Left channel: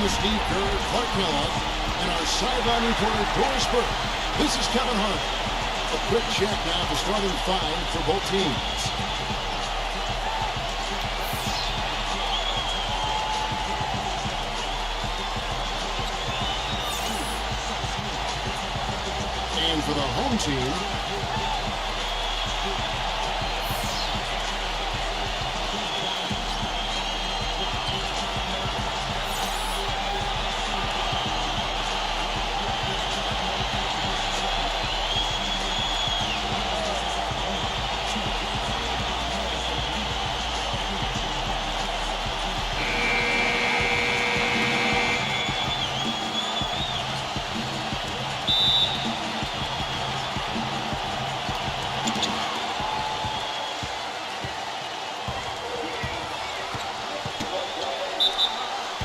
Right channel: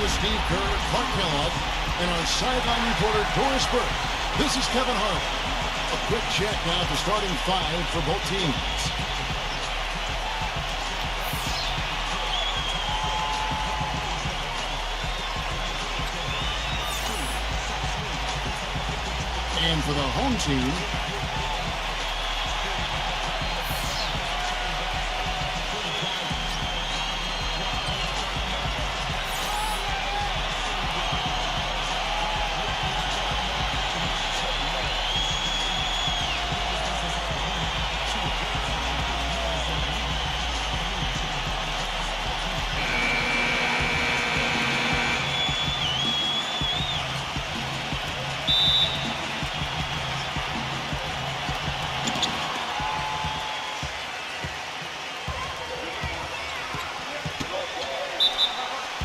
along with Steve Kerr, Clark Kellogg, and our sideline reporter, Doris Burke. This is Kevin Harlan. A quick check now at the starting five for both teams. And for the home team,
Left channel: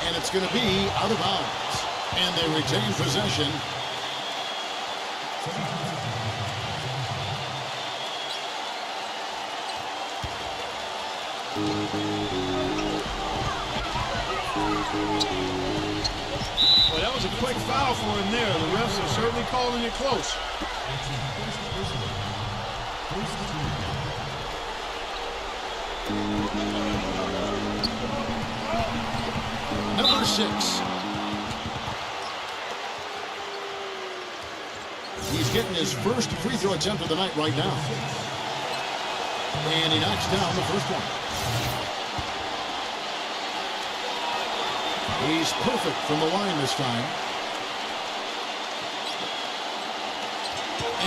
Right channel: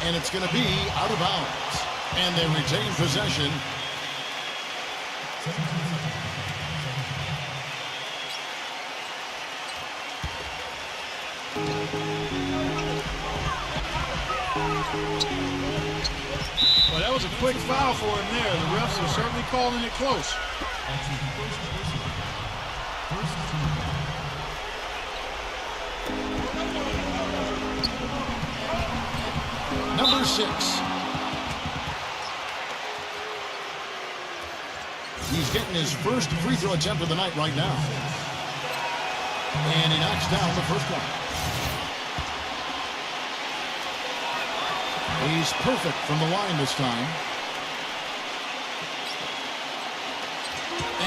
and it's going to be out of bounds. And they retain possession. Well, that was a quick foul for him there. The refs are certainly calling it close. Number 6. He's getting his first free throw attempt of the night right now. And he knocks down the first one. He's perfect from the line this time.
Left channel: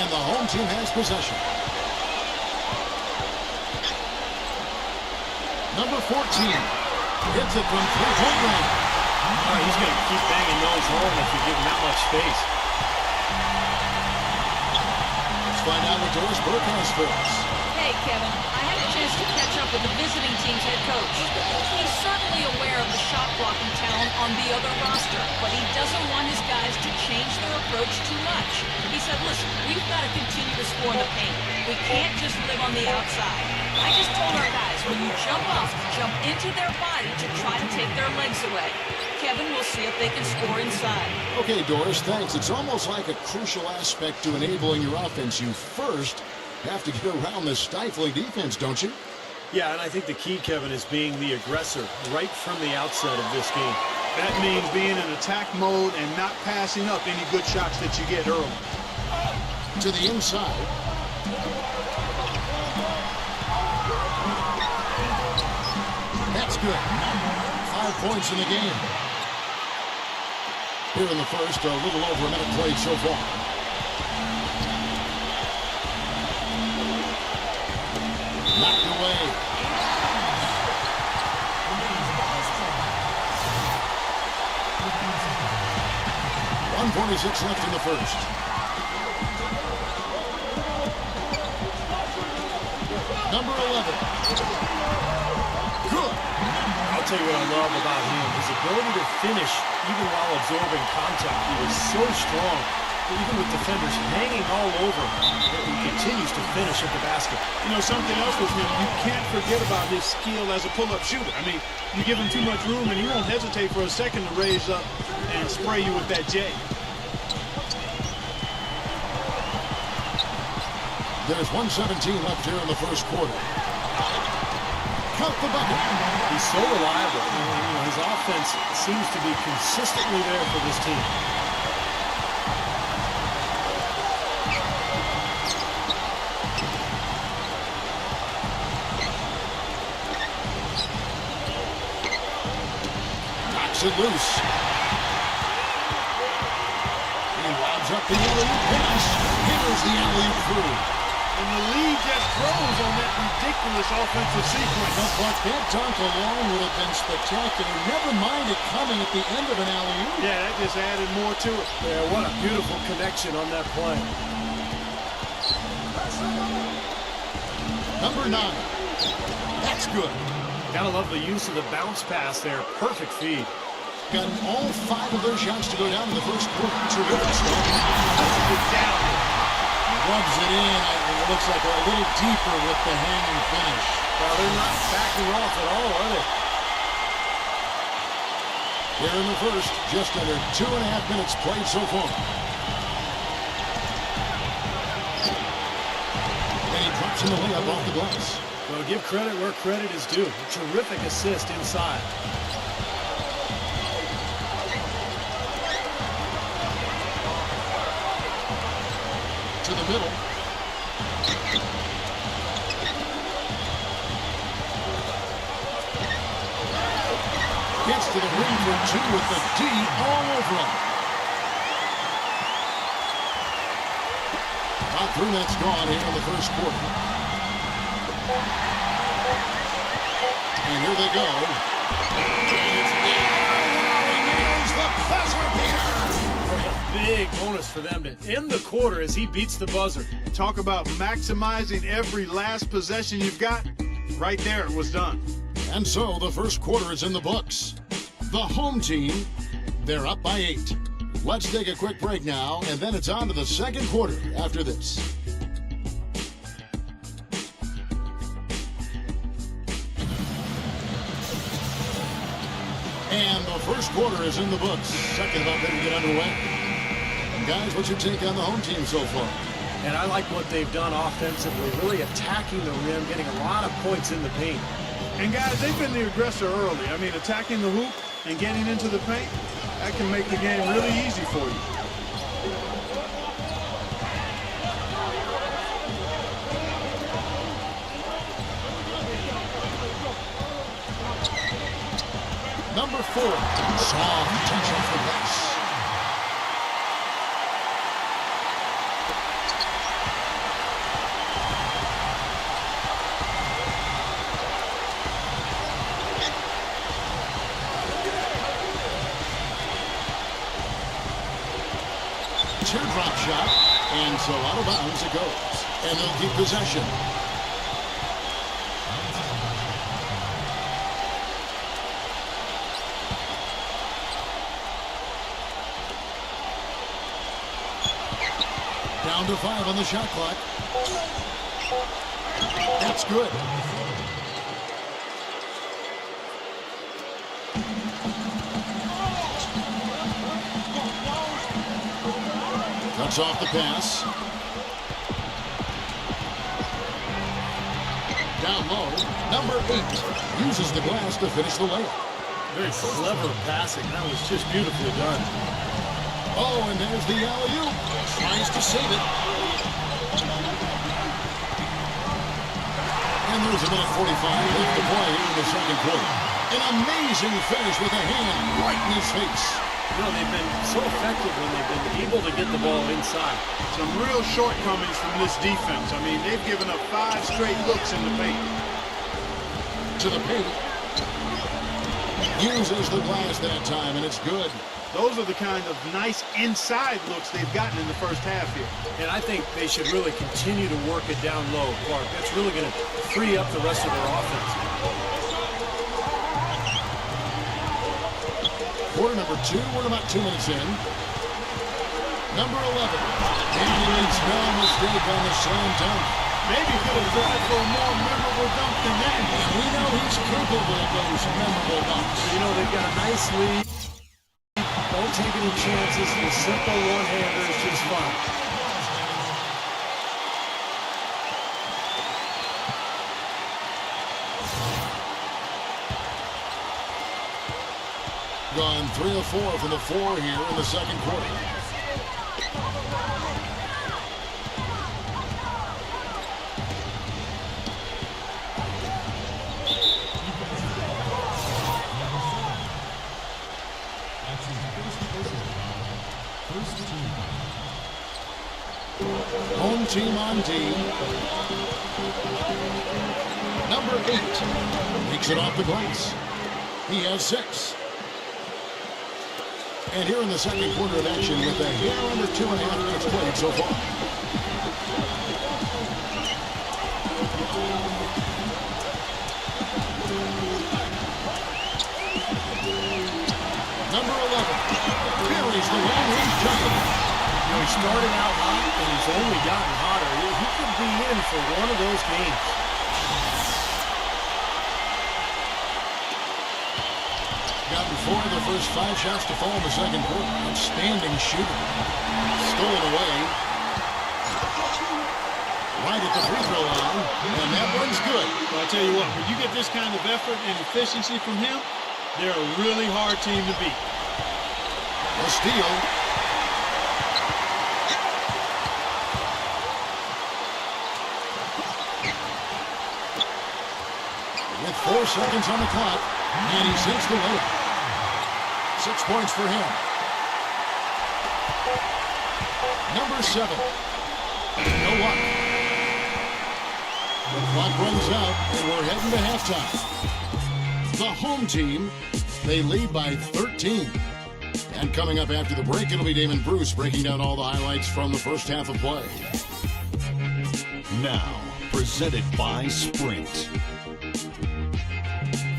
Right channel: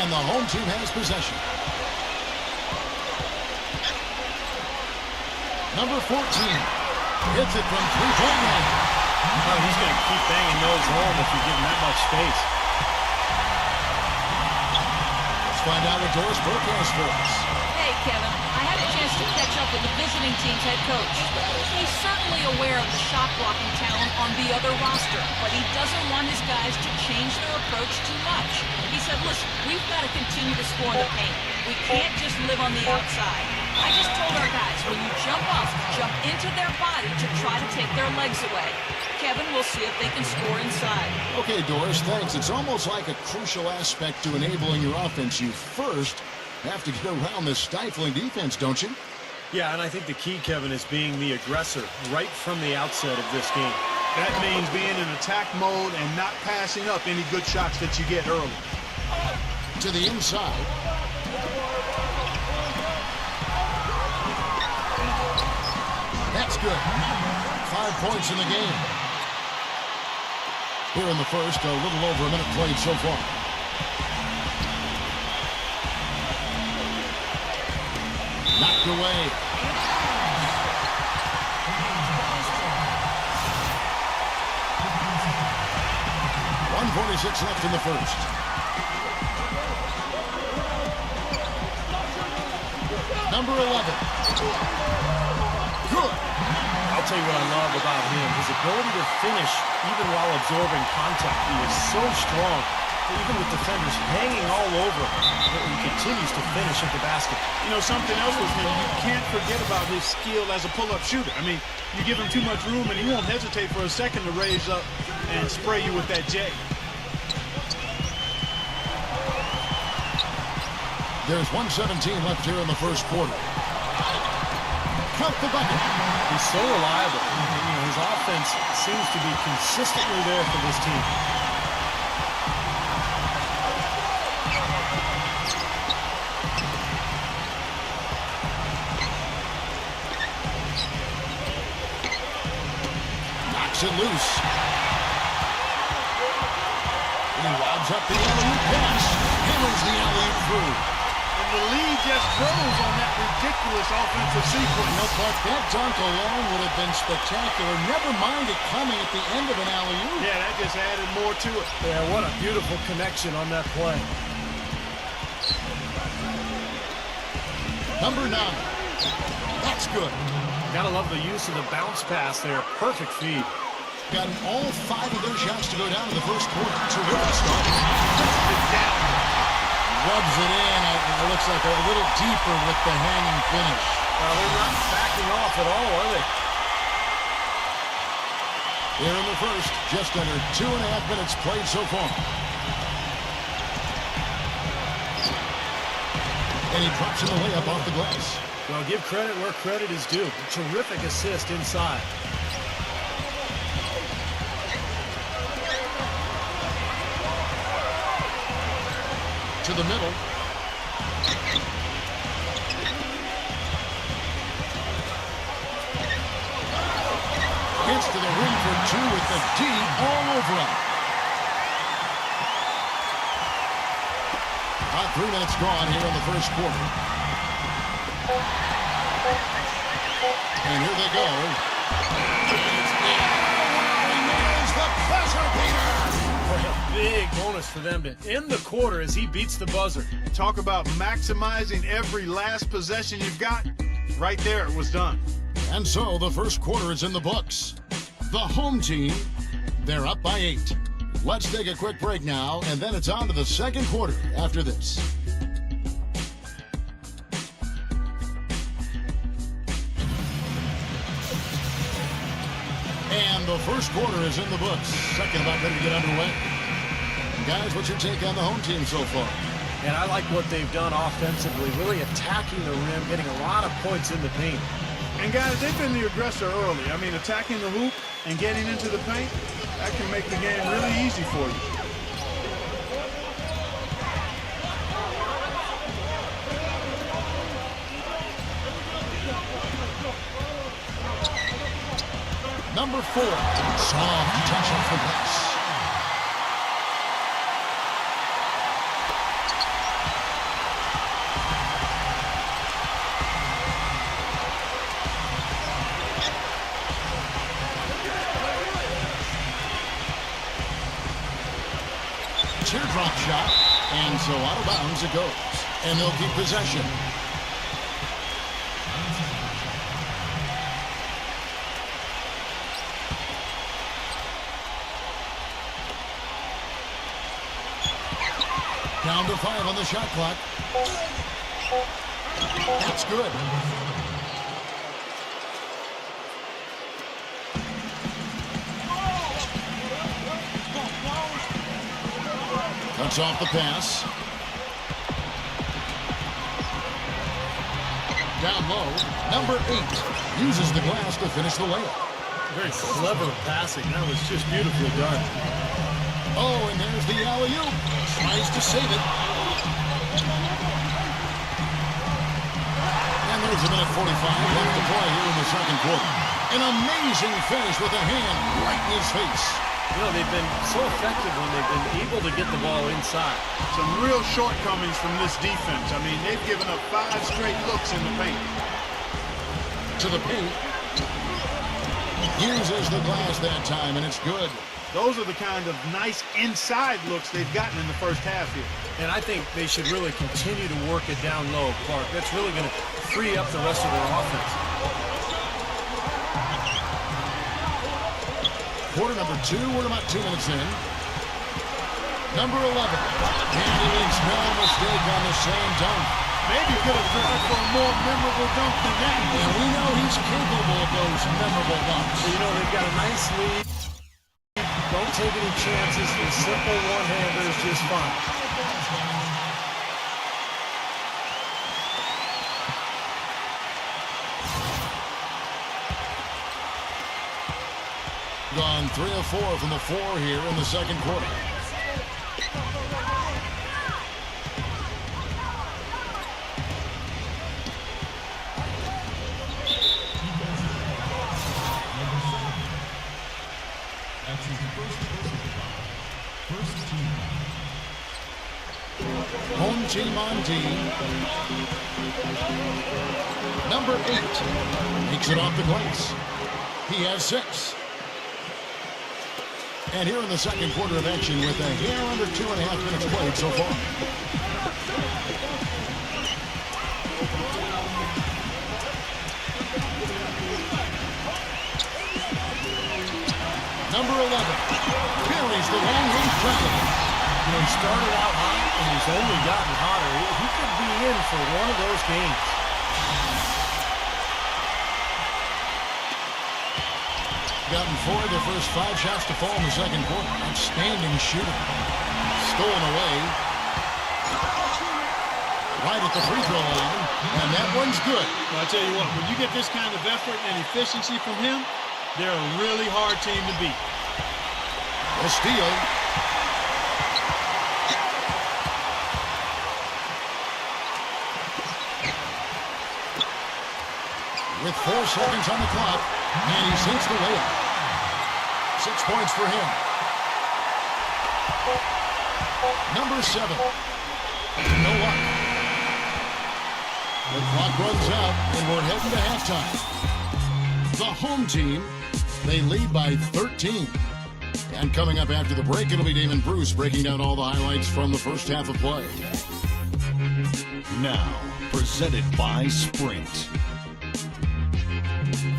And the home team has possession. Number 14 hits it from three-point range. Oh, he's going to keep banging those home if you give him that much space. Let's find out what Doris Burke has for us. Hey, Kevin, I had a chance to catch up with the visiting team's head coach. He's certainly aware of the shot-blocking talent on the other roster, but he doesn't want his guys to change their approach too much. He said, listen, we've got to continue to score in the paint. We can't just live on the outside. I just told our guys, when you jump up, jump into their body to try to take their legs away. Kevin will see if they can score inside. Okay, Doris, thanks. It's almost like a crucial aspect to enabling your offense. You first have to get around this stifling defense, don't you? Yeah, and I think the key, Kevin, is being the aggressor right from the outset of this game. That means being in attack mode and not passing up any good shots that you get early. To the inside. That's good. 5 points in the game. Here in the first, a little over a minute played so far. Knocked away. .146 left in the first. Number 11. Good. I'll tell you what I love about him. His ability to finish even while absorbing contact. He is so strong. Even with defenders hanging all over him, he continues to finish at the basket. You know, something else with him, you can't forget about his skill as a pull-up shooter. I mean, you give him too much room and he won't hesitate for a second to raise up and spray you with that J. There's 1:17 left here in the first quarter. Count the bucket. He's so reliable. You know, his offense seems to be consistently there for this team. Knocks it loose. He lobs up the alley-oop pass. Hammers the alley-oop through. And the lead just grows on that ridiculous offensive sequence. No, Clark, that dunk alone would have been spectacular. Never mind it coming at the end of an alley-oop. Yeah, that just added more to it. Yeah, what a beautiful connection on that play. Number 9. That's good. Gotta love the use of the bounce pass there. Perfect feed. Gotten all 5 of their shots to go down in the first quarter. Terrific start. Pushes it down. Rubs it in. It looks like a little deeper with the hanging finish. Well, they're not backing off at all, are they? Here in the first, just under 2.5 minutes played so far. And he drops in the layup off the glass. Well, give credit where credit is due. Terrific assist inside. To the middle. Gets to the ring for two with the D all over him. About 3 minutes gone here in the first quarter. And here they go. Wow, he nails the buzzer beater. Boy, a big bonus for them to end the quarter as he beats the buzzer. Talk about maximizing every last possession you've got. Right there, it was done. And so the first quarter is in the books. The home team, they're up by 8. Let's take a quick break now, and then it's on to the second quarter after this. And the first quarter is in the books. Second about ready to get underway. Guys, what's your take on the home team so far? And I like what they've done offensively, really attacking the rim, getting a lot of points in the paint. And guys, they've been the aggressor early. I mean, attacking the hoop and getting into the paint, that can make the game really easy for you. Number 4, soft touch off the glass. Teardrop shot, and so out of bounds it goes. And they'll keep possession. Down to 5 on the shot clock. That's good. Cuts off the pass. Down low, number 8 uses the glass to finish the layup. Very clever passing. That was just beautifully done. Oh, and there's the alley-oop. Tries to save it. And there's a minute 45 left to play here in the second quarter. An amazing finish with a hand right in his face. You know, they've been so effective when they've been able to get the ball inside. Some real shortcomings from this defense. I mean, they've given up 5 straight looks in the paint. To the paint. Uses the glass that time, and it's good. Those are the kind of nice inside looks they've gotten in the first half here. And I think they should really continue to work it down low, Clark. That's really going to free up the rest of their offense. Quarter number 2, we're about 2 minutes in. Number 11. And he makes no mistake on the slam dunk. Maybe could have tried for a more memorable dunk than that. And we know he's capable of those memorable dunks. But, you know, they've got a nice lead. Don't take any chances. The simple one-hander is just fine. Gone 3 of 4 from the floor here in the second quarter. Home team on D. Number 8 makes it off the glass. He has 6. And here in the second quarter of action with a hair under 2.5 minutes played so far. Number 11 buries the long-range jumper. You know, he started out hot, and he's only gotten hotter. He could be in for one of those games. Gotten 4 of their first 5 shots to fall in the second quarter. Outstanding shooting. Stolen away. Right at the free throw line. And that one's good. Well, I tell you what, when you get this kind of effort and efficiency from him, they're a really hard team to beat. A steal. With 4 seconds on the clock, and he sinks the layup. 6 points for him. Number 7. No luck. The clock runs out, and we're heading to halftime. The home team, they lead by 13. And coming up after the break, it'll be Damon Bruce breaking down all the highlights from the first half of play. Now, presented by Sprint.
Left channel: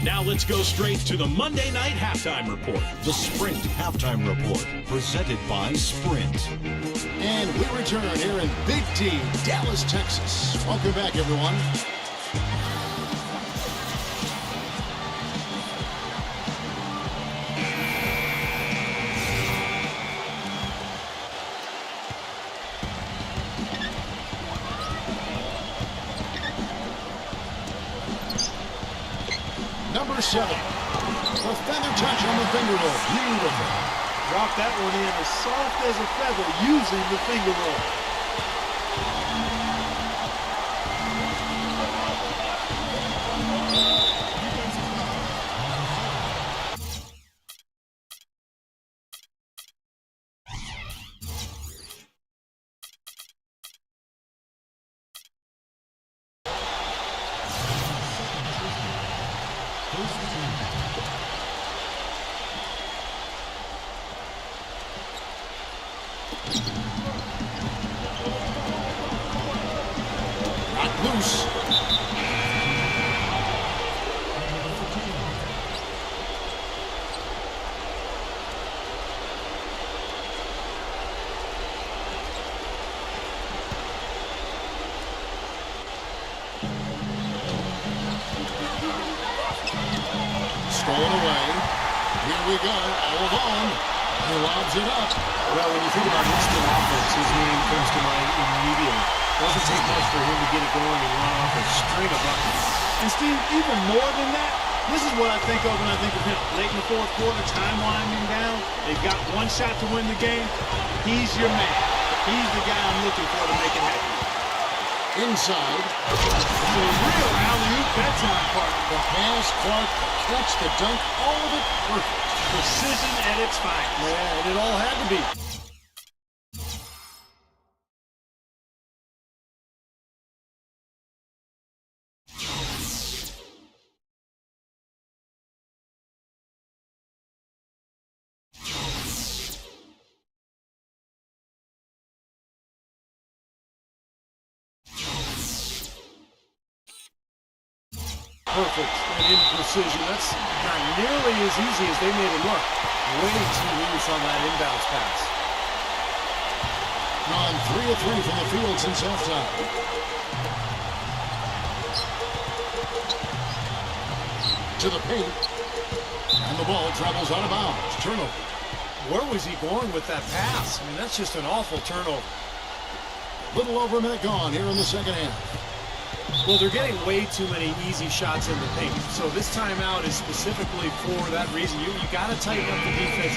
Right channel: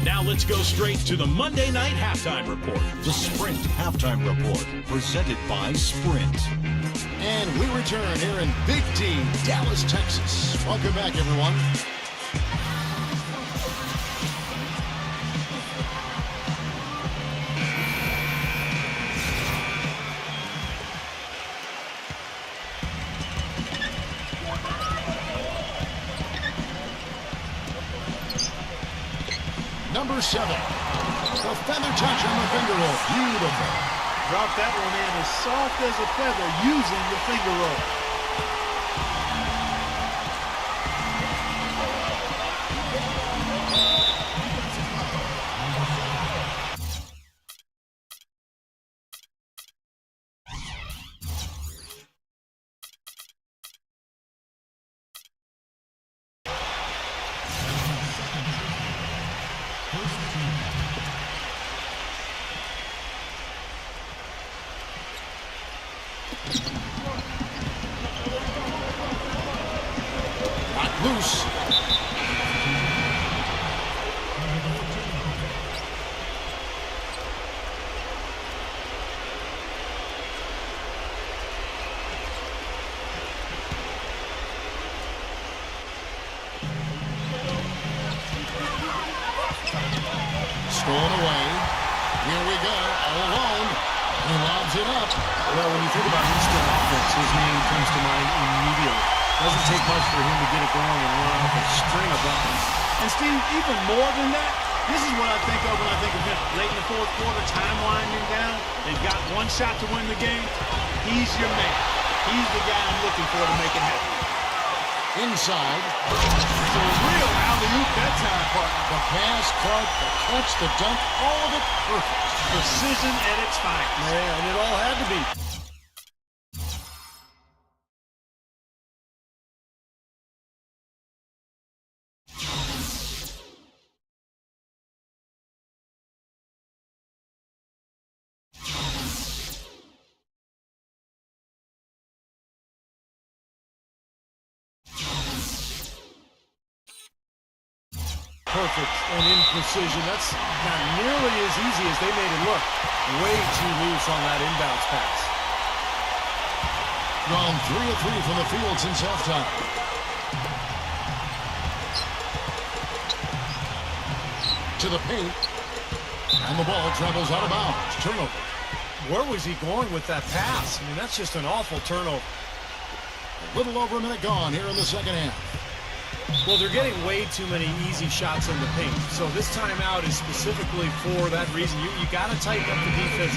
Now let's go straight to the Monday Night Halftime Report. The Sprint Halftime Report, presented by Sprint. And we return here in Big D, Dallas, Texas. Welcome back, everyone. Number 7. The feather touch on the finger roll. Beautiful. Drop that one in as soft as a feather using the finger roll. Knocked loose. Stolen away. Here we go, all alone. He lobs it up. Well, when you think about instant offense, his name comes to mind immediately. Doesn't take much for him to get it going and run off a string of buckets. And Steve, even more than that, this is what I think of when I think of him. Late in the fourth quarter, time winding down. They've got one shot to win the game. He's your man. He's the guy I'm looking for to make it happen. Inside. For real alley-oop that time, partner. The pass, Clark, the catch, the dunk, all of it perfect. Precision at its finest. Yeah, and it all had to be. Perfect and in precision. That's not nearly as easy as they made it look. Way too loose on that inbounds pass. Gone 3 of 3 from the field since halftime. To the paint. And the ball travels out of bounds. Turnover. Where was he going with that pass? I mean, that's just an awful turnover. A little over a minute gone here in the second half. Well, they're getting way too many easy shots in the paint. So this timeout is specifically for that reason. You got to tighten up the defense.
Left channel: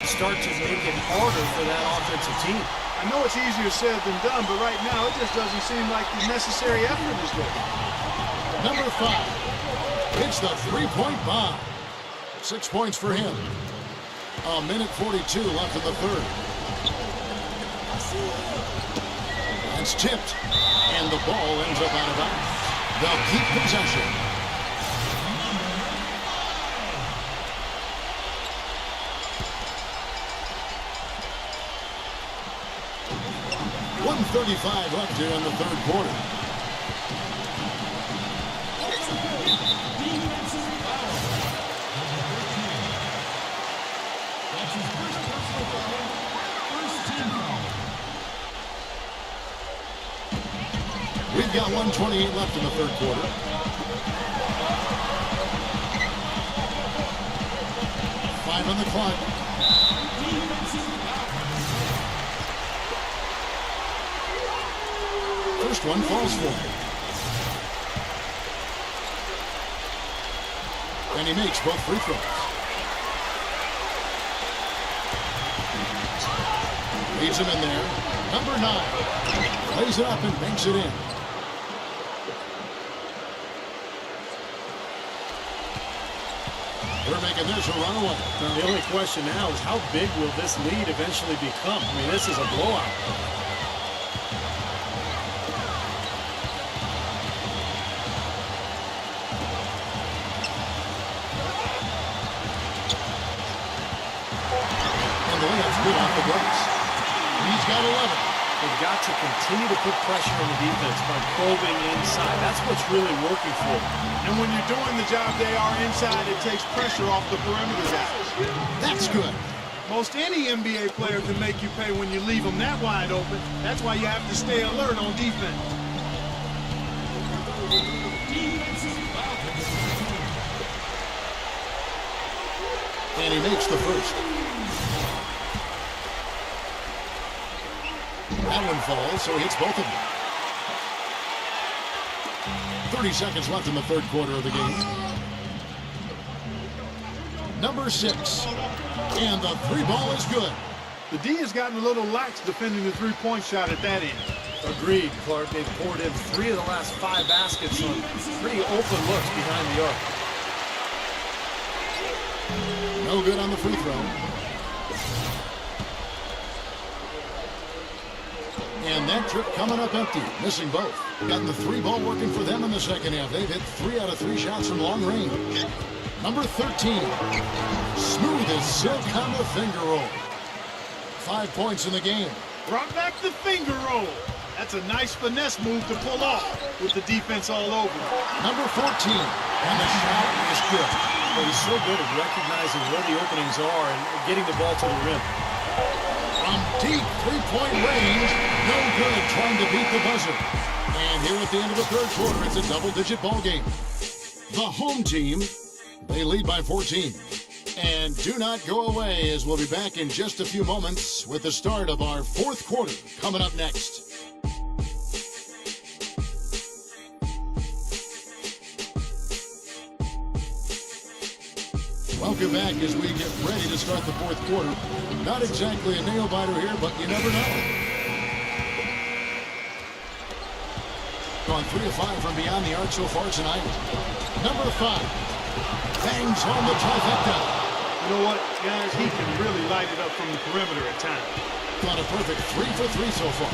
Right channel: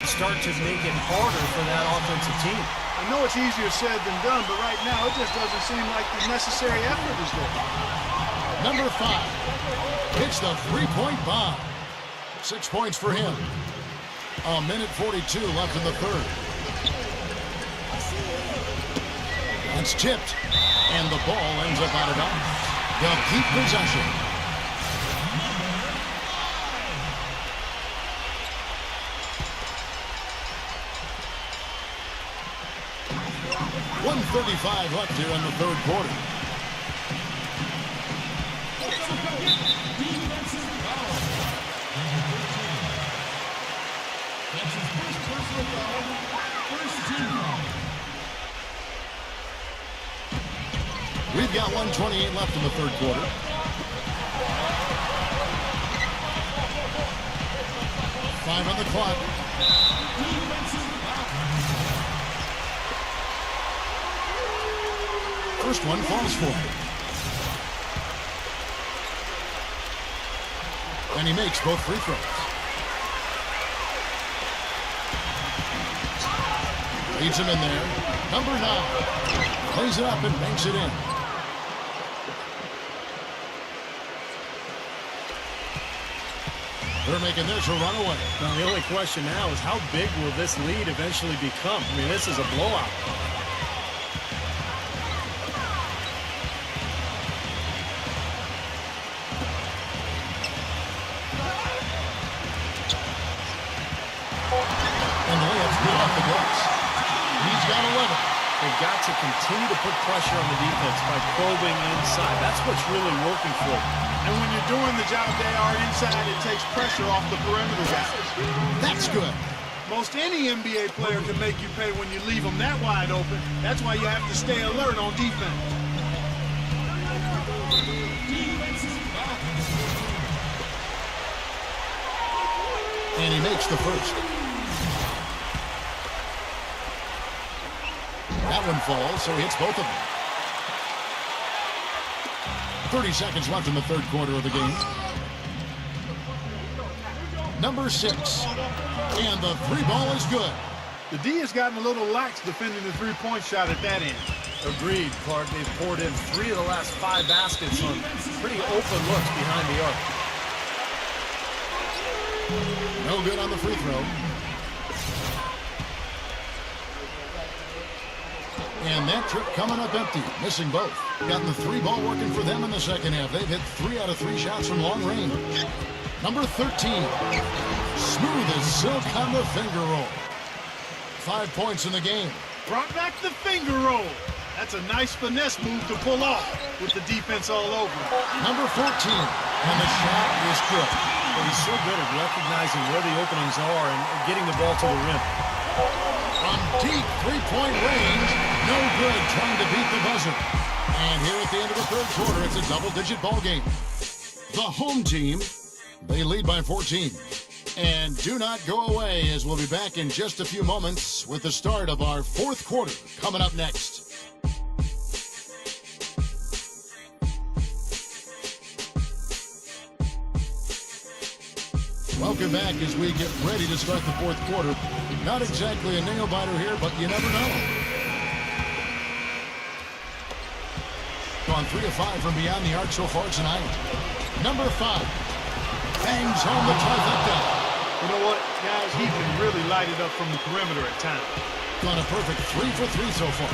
And start to make it harder for that offensive team. I know it's easier said than done, but right now it just doesn't seem like the necessary effort is there. Number 5 hits the three-point bomb. 6 points for him. A minute 42 left in the third. That's tipped, and the ball ends up out of bounds. They'll keep possession. .135 left here in the third quarter. We've got 1:28 left in the third quarter. Five on the clock. First one falls for him. And he makes both free throws. Leads him in there. Number 9. Plays it up and banks it in. They're making this a runaway. Now, the only question now is how big will this lead eventually become? I mean, this is a blowout. And the layup's good off the glass. He's got 11. They've got to continue to put pressure on the defense by probing inside. That's what's really working for them. And when you're doing the job they are inside, it takes pressure off the perimeter guys. That's good. Most any NBA player can make you pay when you leave them that wide open. That's why you have to stay alert on defense. And he makes the first. That one falls, so he hits both of them. 30 seconds left in the third quarter of the game. Number 6. And the three ball is good. The D has gotten a little lax defending the three-point shot at that end. Agreed, Clark. They've poured in 3 of the last 5 baskets on pretty open looks behind the arc. No good on the free throw. And that trip coming up empty, missing both. Got the three ball working for them in the second half. They've hit 3 out of 3 shots from long range. Number 13, smooth as silk on the finger roll. 5 points in the game. Brought back the finger roll. That's a nice finesse move to pull off with the defense all over him. Number 14, and the shot is good. Well, he's so good at recognizing where the openings are and getting the ball to the rim. From deep three-point range, no good trying to beat the buzzer. And here at the end of the third quarter, it's a double-digit ball game. The home team, they lead by 14. And do not go away, as we'll be back in just a few moments with the start of our fourth quarter coming up next. Welcome back as we get ready to start the fourth quarter. Not exactly a nail-biter here, but you never know. Gone 3 of 5 from beyond the arc so far tonight. Number 5 bangs home the trifecta. You know what, guys? He can really light it up from the perimeter at times. Gone a perfect 3 for 3 so far.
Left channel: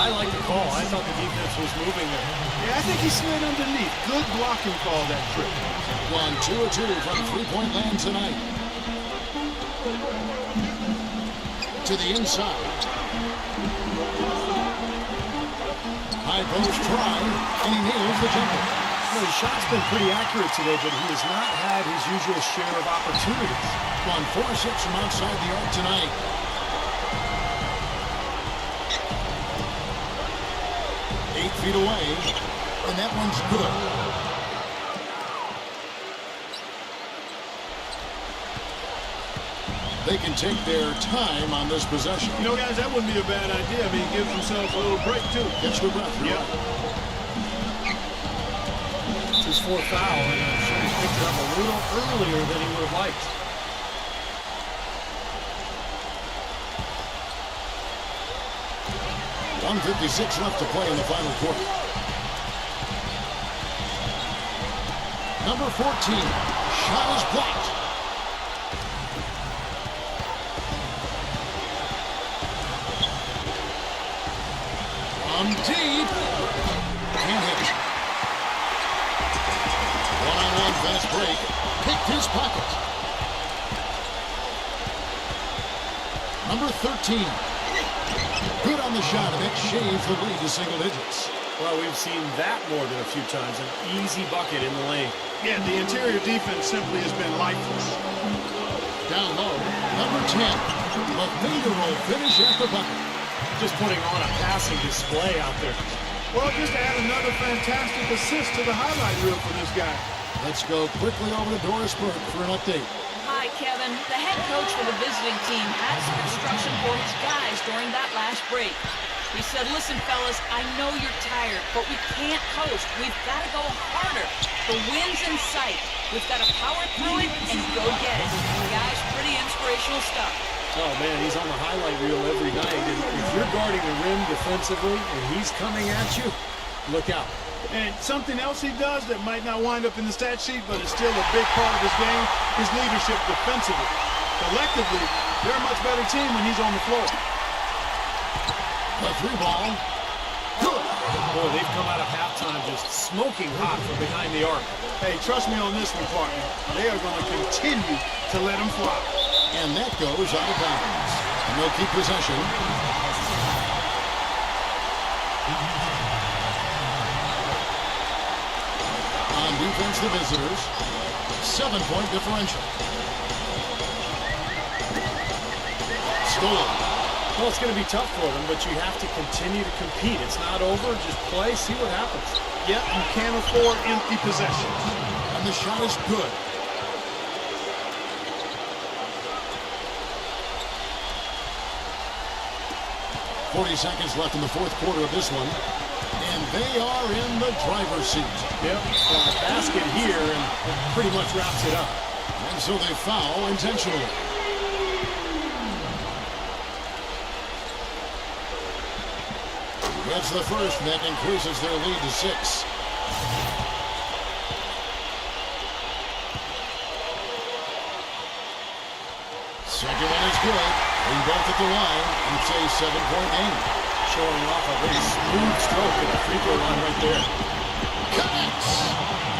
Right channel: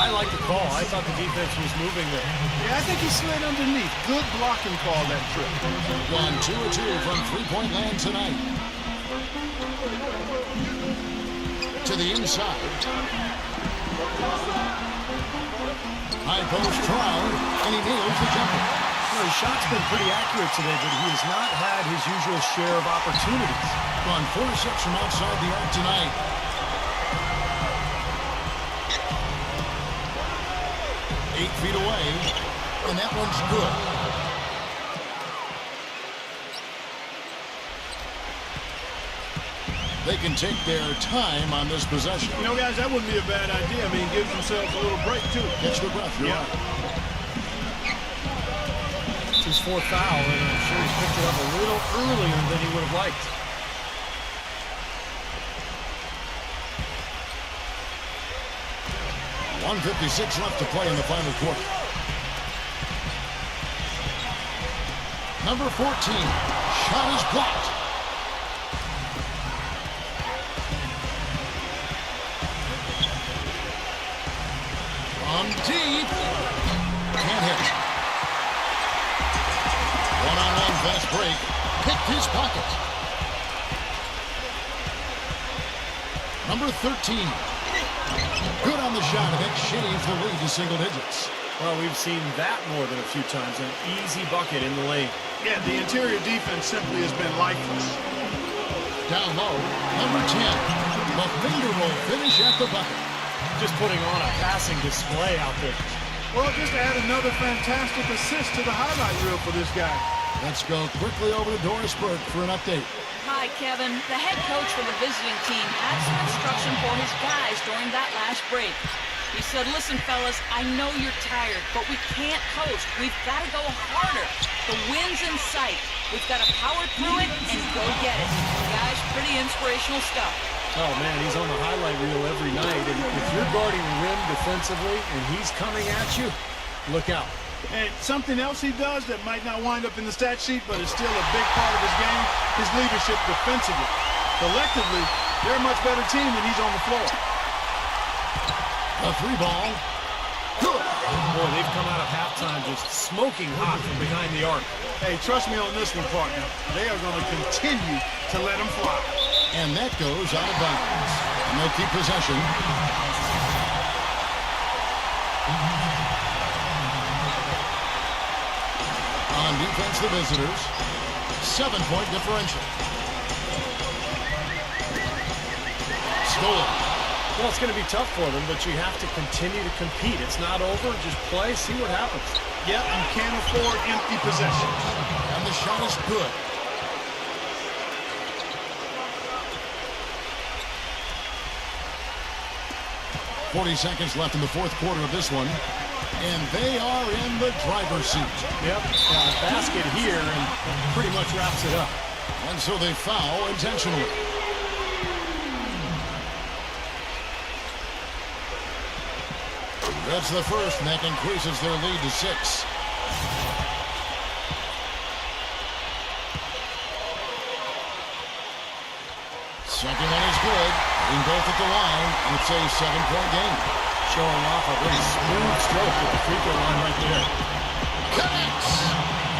I like the call. I thought the defense was moving there. Yeah, I think he slid underneath. Good blocking call that trip. Gone 2 of 2 from three-point land tonight. To the inside. High post try, and he nails the jumper. You know, his shot's been pretty accurate today, but he has not had his usual share of opportunities. Gone 4 of 6 from outside the arc tonight. Eight feet away, and that one's good. They can take their time on this possession. You know, guys, that wouldn't be a bad idea. I mean, gives themselves a little break, too. Catch the breath, you're right. It's his 4th foul, and I'm sure he picked it up a little earlier than he would have liked. .156 left to play in the final quarter. Number 14, shot is blocked. From deep, can't hit. One-on-one fast break, picked his pocket. Number 13. Good on the shot, and that shaves the lead to single digits. Well, we've seen that more than a few times. An easy bucket in the lane. Yeah, the interior defense simply has been lifeless. Down low, number 10. A finger roll finish at the bucket. Just putting on a passing display out there. Well, just add another fantastic assist to the highlight reel for this guy. Let's go quickly over to Doris Burke for an update. Hi, Kevin. The head coach for the visiting team had some instruction for his guys during that last break. He said, listen, fellas, I know you're tired, but we can't coast. We've got to go harder. The win's in sight. We've got to power through it and go get it. Guys, pretty inspirational stuff. Oh, man, he's on the highlight reel every night. And if you're guarding the rim defensively and he's coming at you, look out. And something else he does that might not wind up in the stat sheet, but is still a big part of his game, his leadership defensively. Collectively, they're a much better team when he's on the floor. The three ball. Good. Boy, they've come out of halftime just smoking hot from behind the arc. Hey, trust me on this one, partner. They are going to continue to let him fly. And that goes out of bounds. And they'll keep possession. On defense, the visitors. 7-point differential. Stolen. Well, it's going to be tough for them, but you have to continue to compete. It's not over. Just play, see what happens. Yep, you can't afford empty possessions. And the shot is good. .40 seconds left in the fourth quarter of this one. And they are in the driver's seat. Yep, basket here, and it pretty much wraps it up. And so they foul intentionally. That's the first, and that increases their lead to 6. Second one is good. Hitting both at the line, and it's a 7-point game. Showing off a very smooth stroke at the free throw line right there. Connects!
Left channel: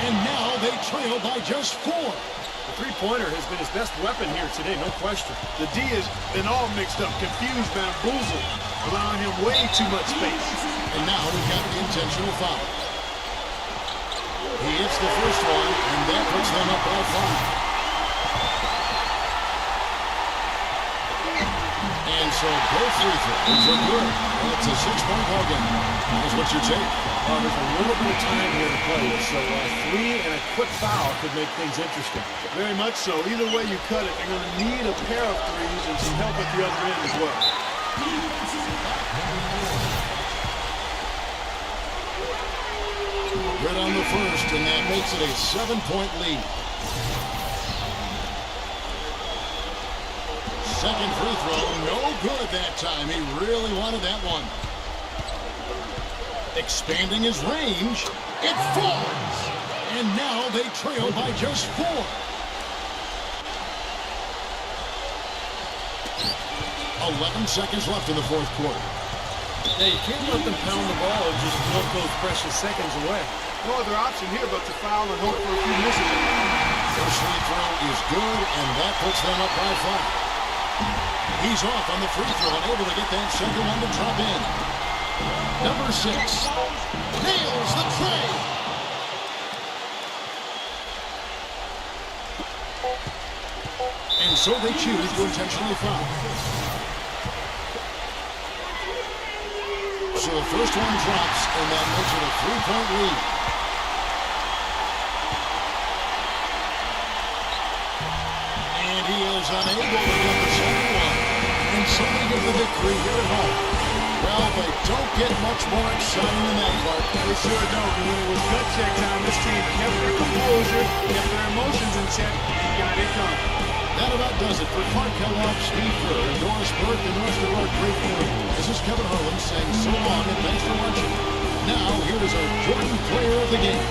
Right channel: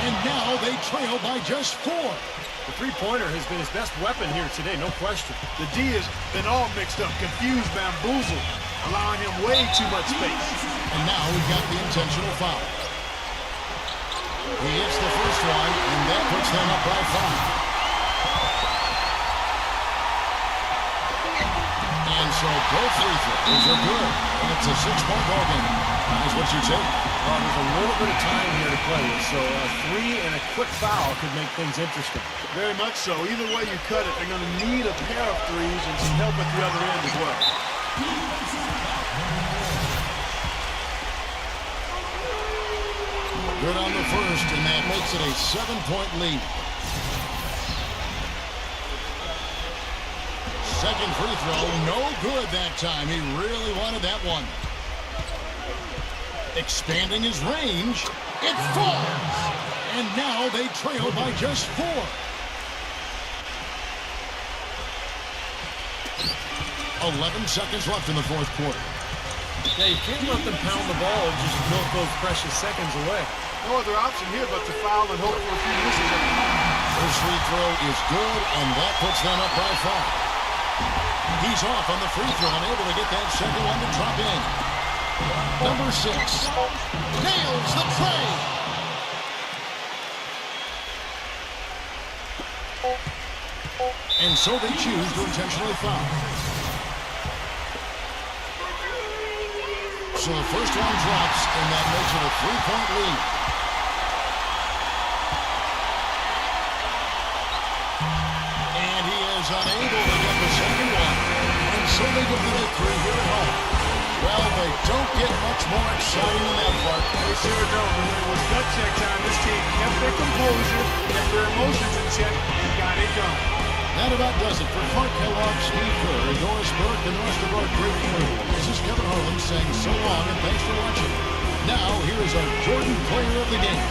And now they trail by just 4. The three-pointer has been his best weapon here today, no question. The D has been all mixed up, confused, bamboozled, allowing him way too much space. And now we've got the intentional foul. He hits the first one, and that puts them up by 5. And so both free throws are good. And it's a 6-point ball game. Guys, what's your take? Well, there's a little bit of time here to play with, so a 3 and a quick foul could make things interesting. Very much so. Either way you cut it, they're going to need a pair of threes and some help at the other end as well. Good on the first, and that makes it a 7-point lead. Second free throw, no good that time. He really wanted that one. Expanding his range, it falls. And now they trail by just 4. 11 seconds left in the fourth quarter. Yeah, you can't let them pound the ball and just milk those precious seconds away. No other option here but to foul and hope for a few misses at the moment. First free throw is good, and that puts them up by 5. He's off on the free throw, unable to get that second one to drop in. Number 6 nails the tray. And so they choose to intentionally foul. So the first one drops, and that makes it a 3-point lead. And he is unable to get the second one. And so they get the victory here at home. Well, they don't get much more exciting than that, Clark. They sure don't. And when it was gut check time, this team kept their composure, kept their emotions in check, and got it done. That about does it for Clark Kellogg, Steve Kerr, and Doris Burke, and the rest of our great crew. This is Kevin Harlan saying so long and thanks for watching. Now, here is our Jordan Player of the Game.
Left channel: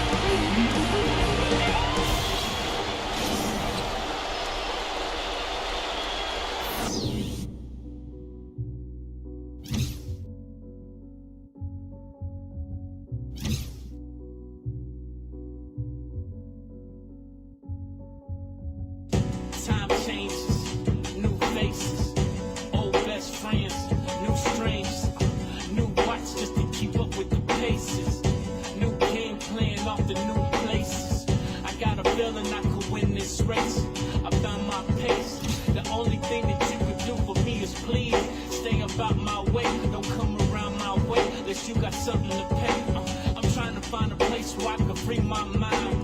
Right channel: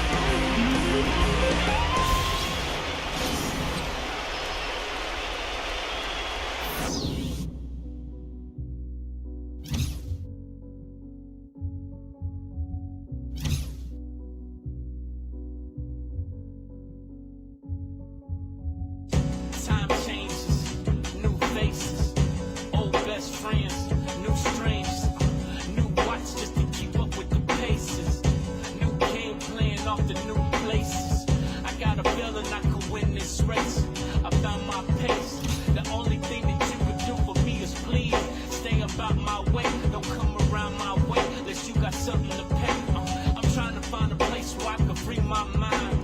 Time changes, new faces, old best friends, new strangers, new watch just to keep up with the paces, new game plan off the new places. something to pay. I'm trying to find a place where I can free my mind.